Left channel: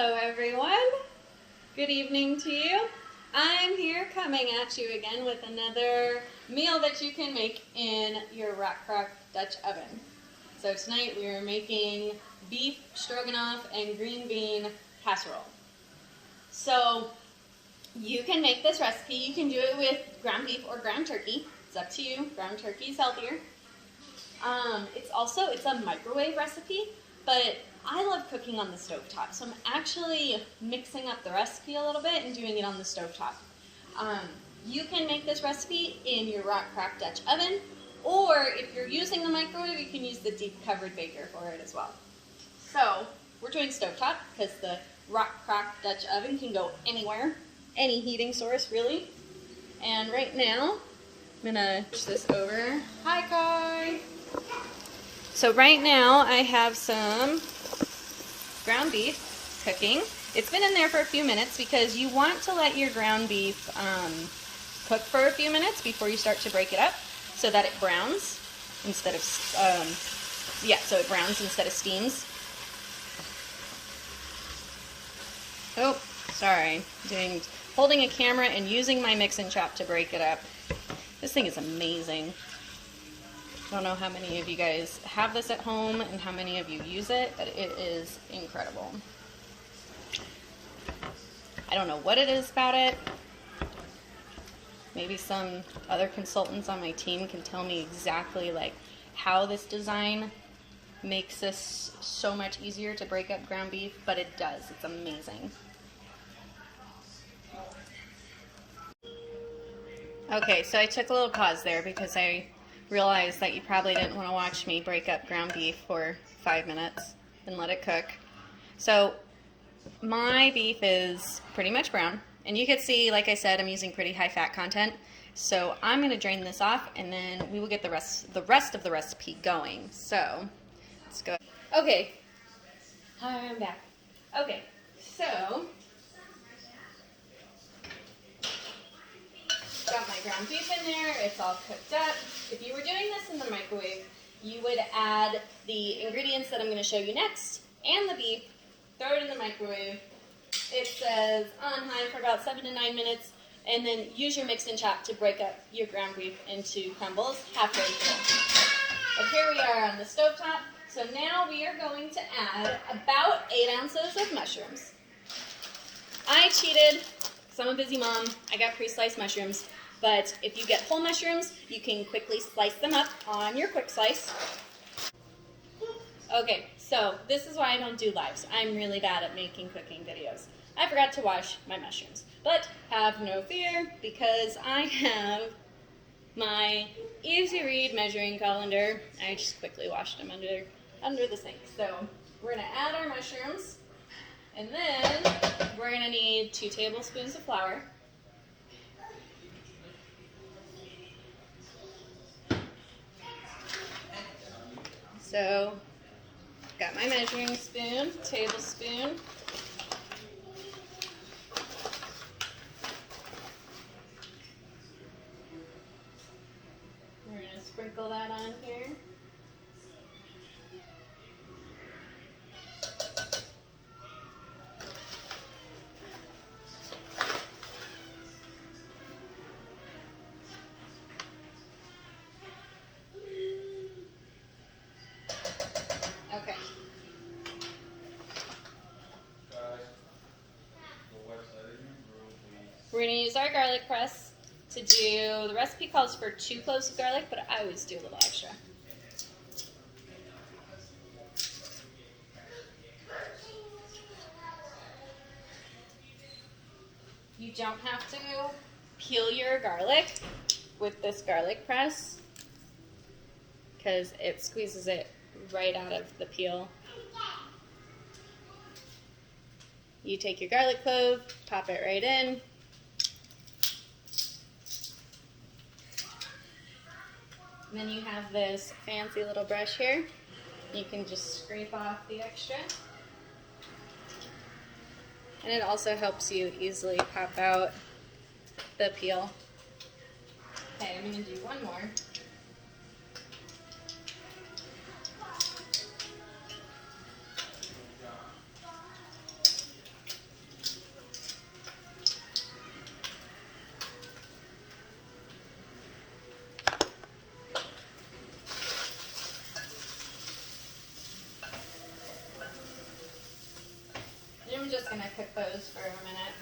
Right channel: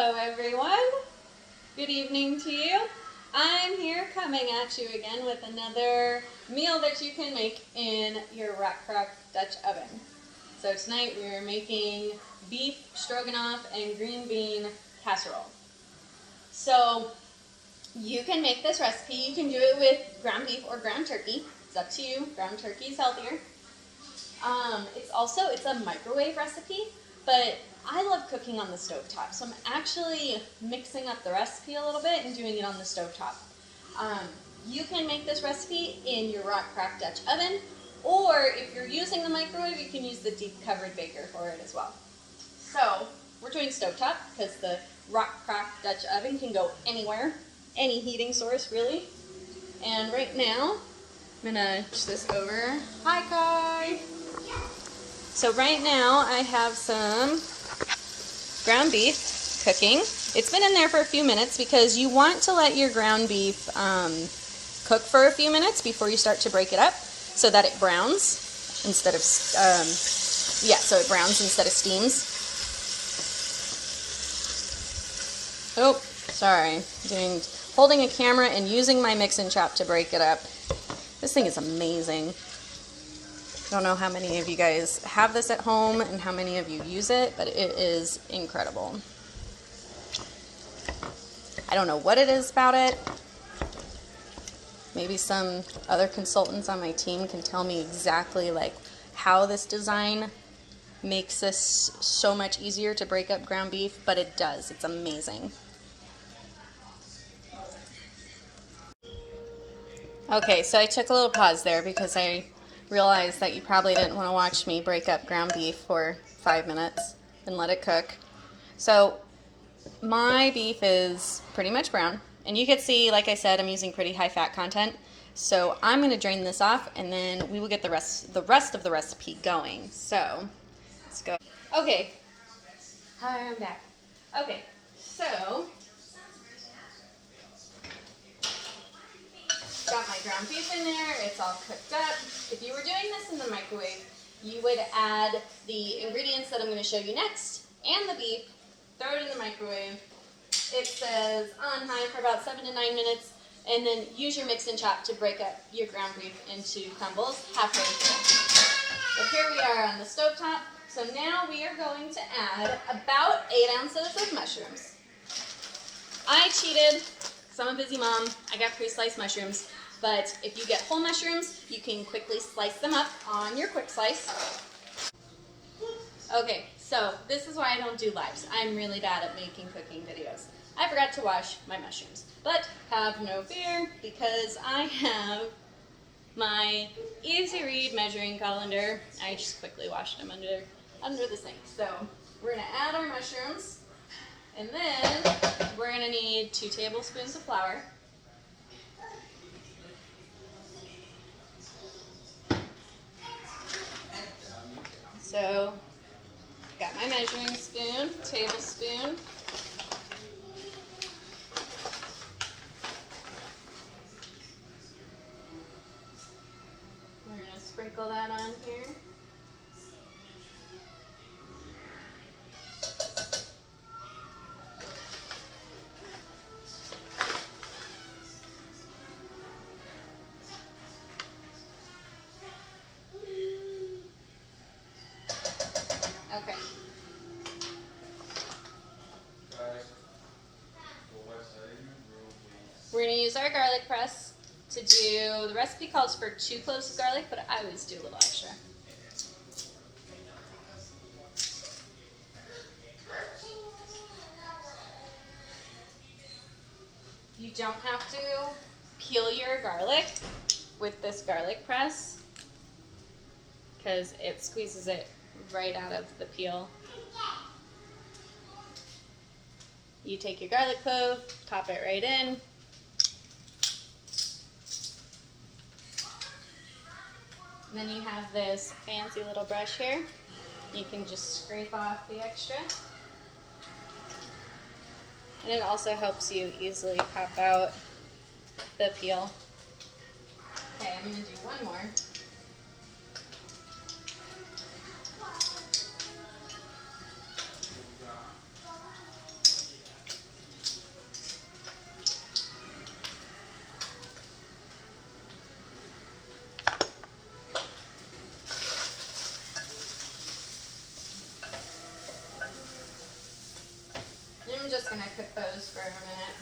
Hello everyone, good evening to you. I'm here coming at you again with another meal that you can make in your rock-crock Dutch oven. So tonight we are making beef stroganoff and green bean casserole. So you can make this recipe, you can do it with ground beef or ground turkey. It's up to you, ground turkey is healthier. It's a microwave recipe, but I love cooking on the stovetop, so I'm actually mixing up the recipe a little bit and doing it on the stovetop. You can make this recipe in your rock-crock Dutch oven, or if you're using the microwave, you can use the deep covered baker for it as well. So we're doing stovetop because the rock-crock Dutch oven can go anywhere, any heating source really. And right now, I'm gonna push this over. Hi, Kai. So right now I have some ground beef cooking. It's been in there for a few minutes because you want to let your ground beef cook for a few minutes before you start to break it up so that it browns instead of, so it browns instead of steams. Oh, sorry, holding a camera and using my mix and chop to break it up. This thing is amazing. I don't know how many of you guys have this at home and how many of you use it, but it is incredible. I don't know what it is about it. Maybe some other consultants on my team can tell me exactly like how this design makes this so much easier to break up ground beef, but it does. It's amazing. Okay, so I took a little pause there because I realized that you probably didn't want to watch me break up ground beef for 5 minutes and let it cook. So my beef is pretty much brown, and you can see, like I said, I'm using pretty high fat content. So I'm going to drain this off, and then we will get the rest of the recipe going. So let's go. Okay, hi, I'm back. Okay, so got my ground beef in there, it's all cooked up. If you were doing this in the microwave, you would add the ingredients that I'm going to show you next and the beef, throw it in the microwave. It says on high for about 7 to 9 minutes, and then use your mix and chop to break up your ground beef into crumbles halfway through. But here we are on the stovetop, so now we are going to add about 8 ounces of mushrooms. I cheated, because I'm a busy mom, I got pre-sliced mushrooms. But if you get whole mushrooms, you can quickly slice them up on your quick slice. Okay, so this is why I don't do lives. I'm really bad at making cooking videos. I forgot to wash my mushrooms. But have no fear, because I have my easy read measuring colander. I just quickly washed them under the sink. So we're going to add our mushrooms, and then we're going to need 2 tablespoons of flour. So, got my measuring spoon, tablespoon. We're going to sprinkle that on here. Okay. We're going to use our garlic press to do, the recipe calls for 2 cloves of garlic, but I always do a little extra. You don't have to peel your garlic with this garlic press because it squeezes it right out of the peel. You take your garlic clove, pop it right in. And then you have this fancy little brush here. You can just scrape off the extra. And it also helps you easily pop out the peel. Okay, I'm going to do one more. I'm just gonna cook those for a minute.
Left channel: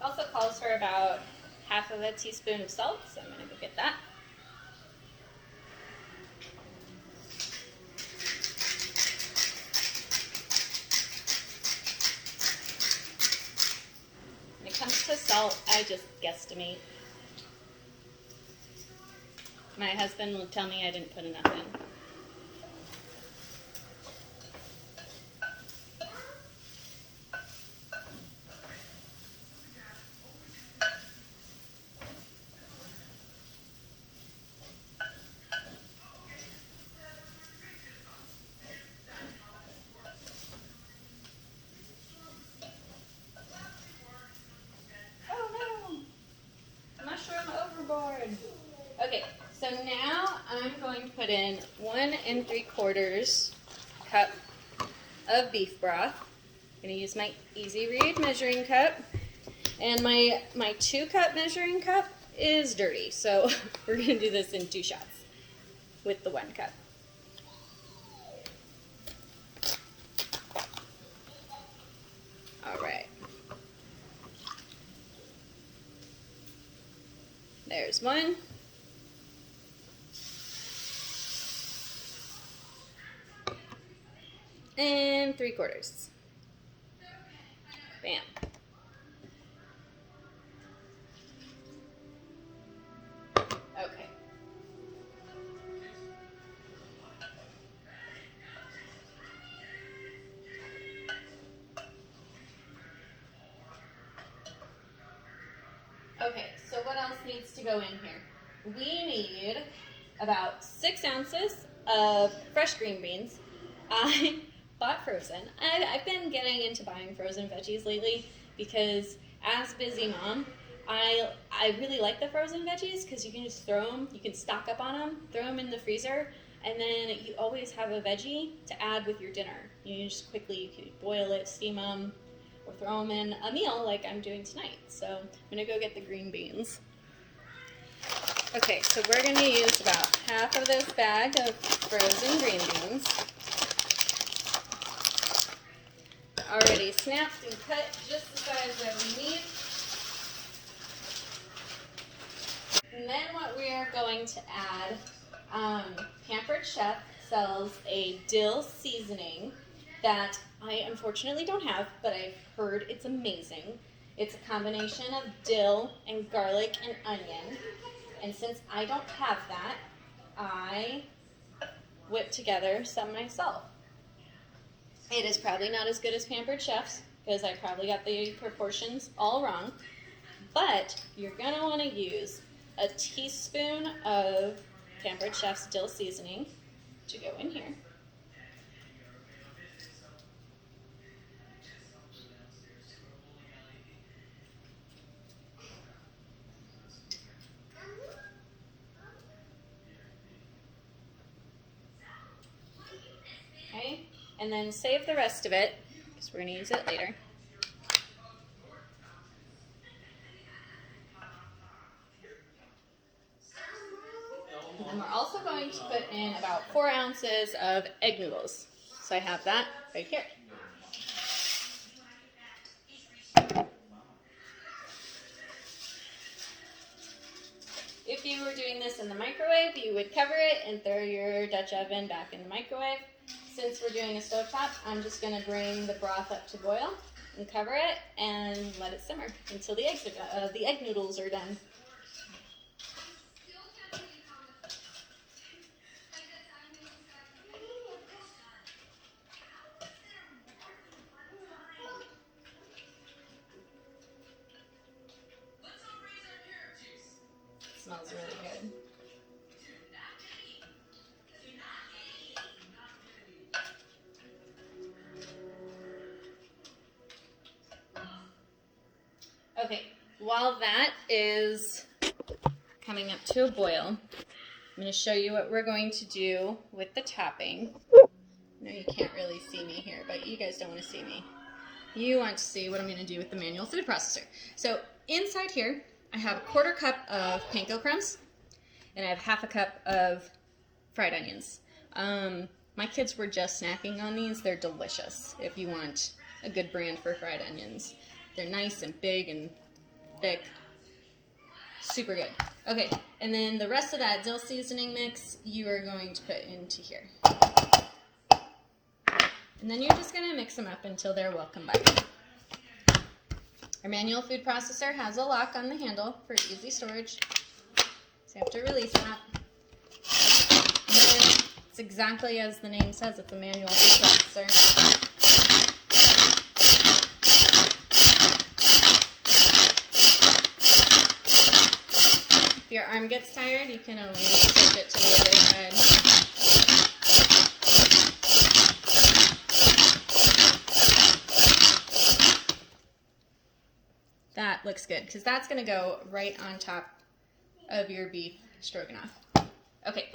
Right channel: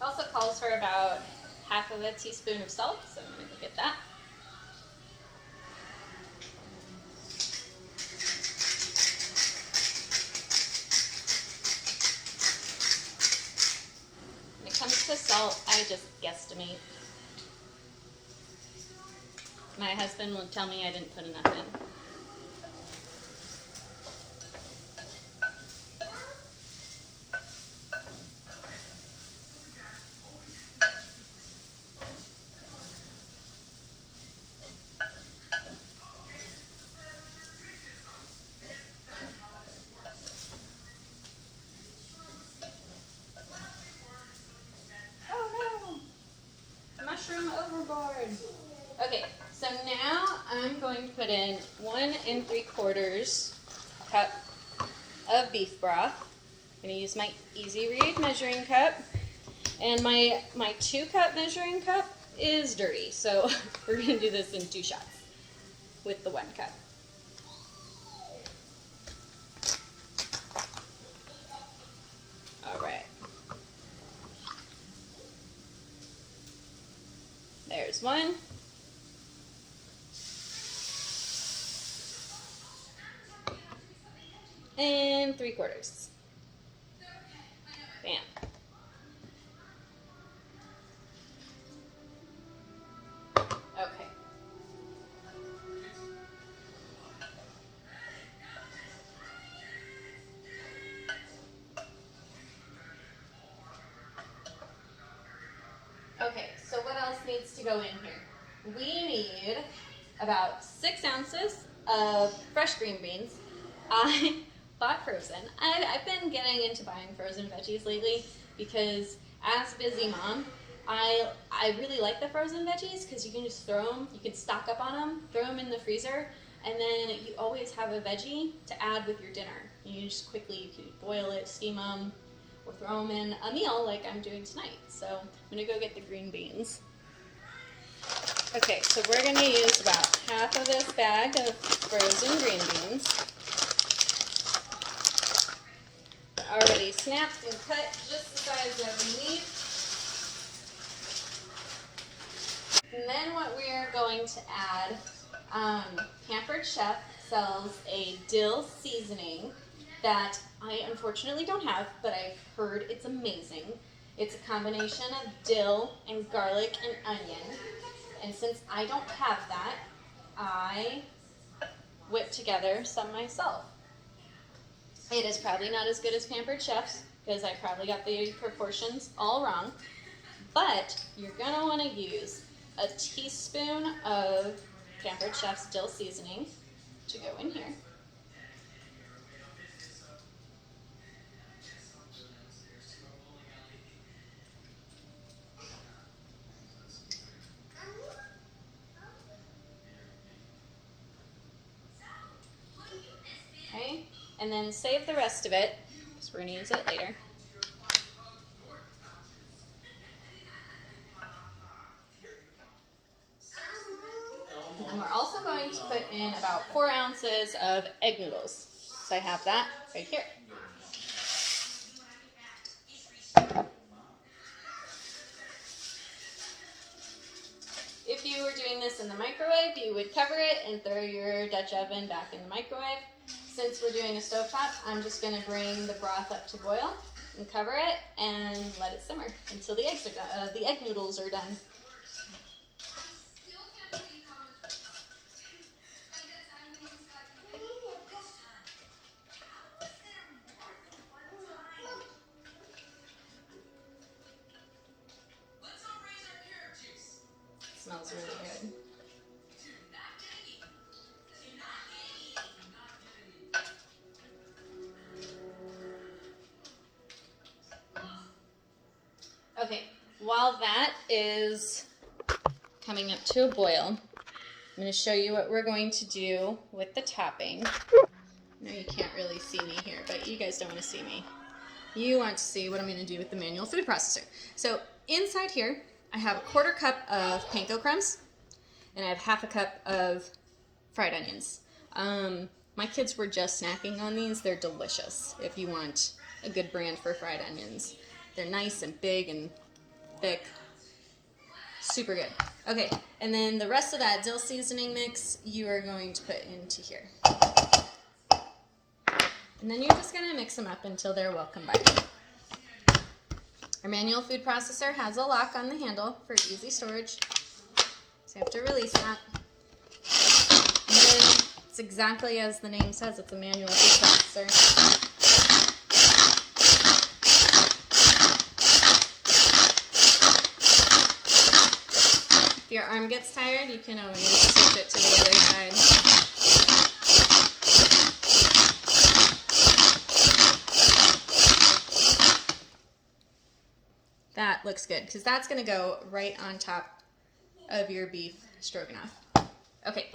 Also calls for about half of a teaspoon of salt, so I'm going to go get that. When it comes to salt, I just guesstimate. My husband will tell me I didn't put enough in. Mushroom overboard. Okay, so now I'm going to put in 1 3/4 cup of beef broth. I'm going to use my Easy Read measuring cup. And my 2-cup measuring cup is dirty, so we're going to do this in 2 shots with the 1 cup. All right. There's 1. And 3/4. Bam. Okay. Okay, so what else needs to go in here? We need about 6 ounces of fresh green beans. I bought frozen. I've been getting into buying frozen veggies lately because as a busy mom, I really like the frozen veggies because you can just throw them, you can stock up on them, throw them in the freezer, and then you always have a veggie to add with your dinner. You just quickly, you can boil it, steam them, or throw them in a meal like I'm doing tonight. So I'm gonna go get the green beans. Okay, so we're gonna use about half of this bag of frozen green beans. They're already snapped and cut just the size that we need. And then what we're going to add, Pampered Chef sells a dill seasoning that I unfortunately don't have, but I've heard it's amazing. It's a combination of dill and garlic and onion. And since I don't have that, I whipped together some myself. It is probably not as good as Pampered Chef's because I probably got the proportions all wrong, but you're gonna wanna use a teaspoon of Pampered Chef's dill seasoning to go in here. Okay, and then save the rest of it because we're gonna use it later. And we're also going to put in about 4 ounces of egg noodles. So I have that right here. If you were doing this in the microwave, you would cover it and throw your Dutch oven back in the microwave. Since we're doing a stovetop, I'm just going to bring the broth up to boil and cover it and let it simmer until the egg noodles are done. It smells really good. Okay, while that is coming up to a boil. I'm going to show you what we're going to do with the topping. I know you can't really see me here, but you guys don't want to see me. You want to see what I'm going to do with the manual food processor. So inside here, I have a 1/4 cup of panko crumbs, and I have 1/2 cup of fried onions. My kids were just snacking on these. They're delicious if you want a good brand for fried onions. They're nice and big and thick. Super good. Okay, and then the rest of that dill seasoning mix you are going to put into here. And then you're just going to mix them up until they're well combined. Our manual food processor has a lock on the handle for easy storage. So you have to release that. And then it's exactly as the name says, it's a manual food processor. If your arm gets tired, you can always switch it to the other side. That looks good, because that's going to go right on top of your beef stroganoff. Okay,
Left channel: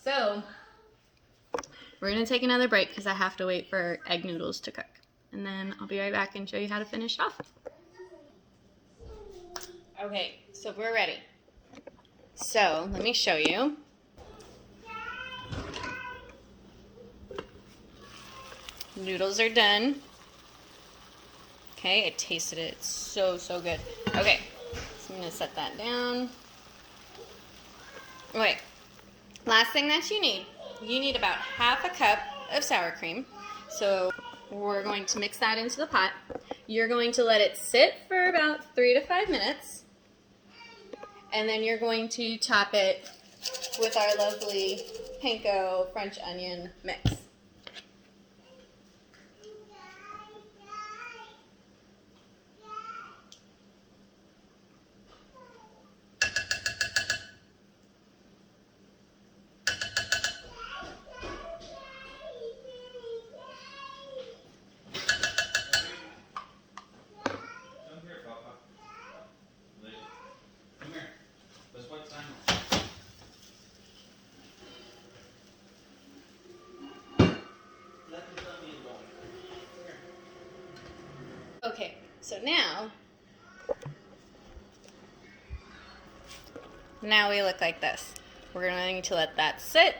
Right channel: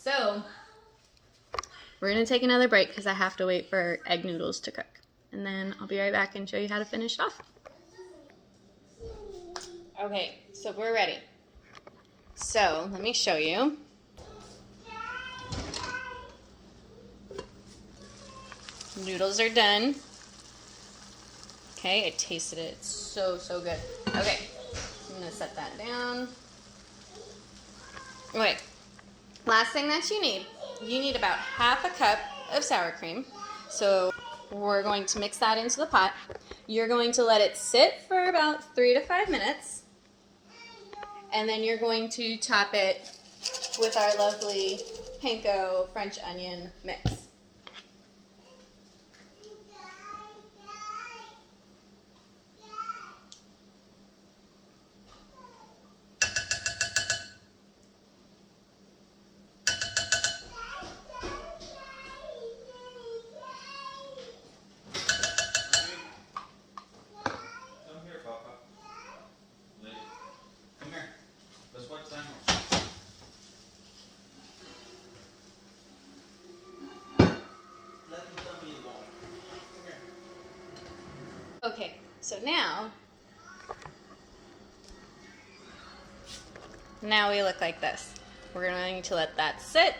so we're going to take another break because I have to wait for egg noodles to cook. And then I'll be right back and show you how to finish it off. Okay, so we're ready. So let me show you. Noodles are done. Okay, I tasted it. It's so, so good. Okay, so I'm going to set that down. Okay, last thing that you need about 1/2 cup of sour cream. So we're going to mix that into the pot. You're going to let it sit for about 3 to 5 minutes. And then you're going to top it with our lovely panko French onion mix. Okay, so now we look like this. We're going to let that sit,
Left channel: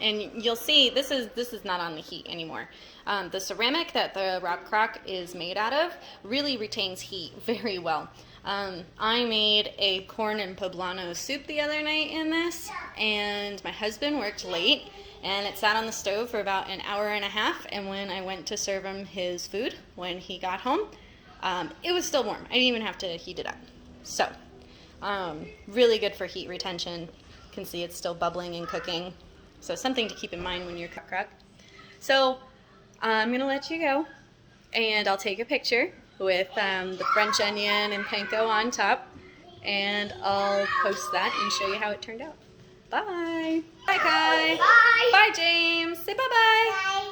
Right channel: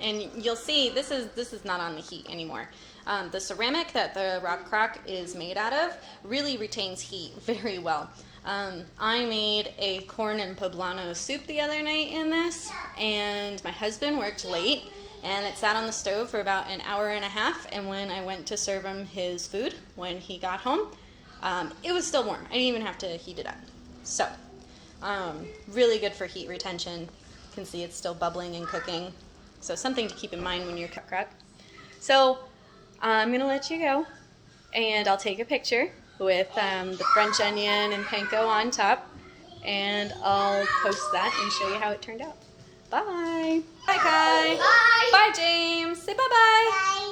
and you'll see this is not on the heat anymore. The ceramic that the rock crock is made out of really retains heat very well. I made a corn and poblano soup the other night in this, and my husband worked late, and it sat on the stove for about an hour and a half, and when I went to serve him his food when he got home, it was still warm. I didn't even have to heat it up. So, really good for heat retention. You can see it's still bubbling and cooking. So something to keep in mind when you're crock. So, I'm going to let you go, and I'll take a picture with the French onion and panko on top, and I'll post that and show you how it turned out. Bye. Bye, Kai. Bye. Bye, James. Say bye-bye. Bye.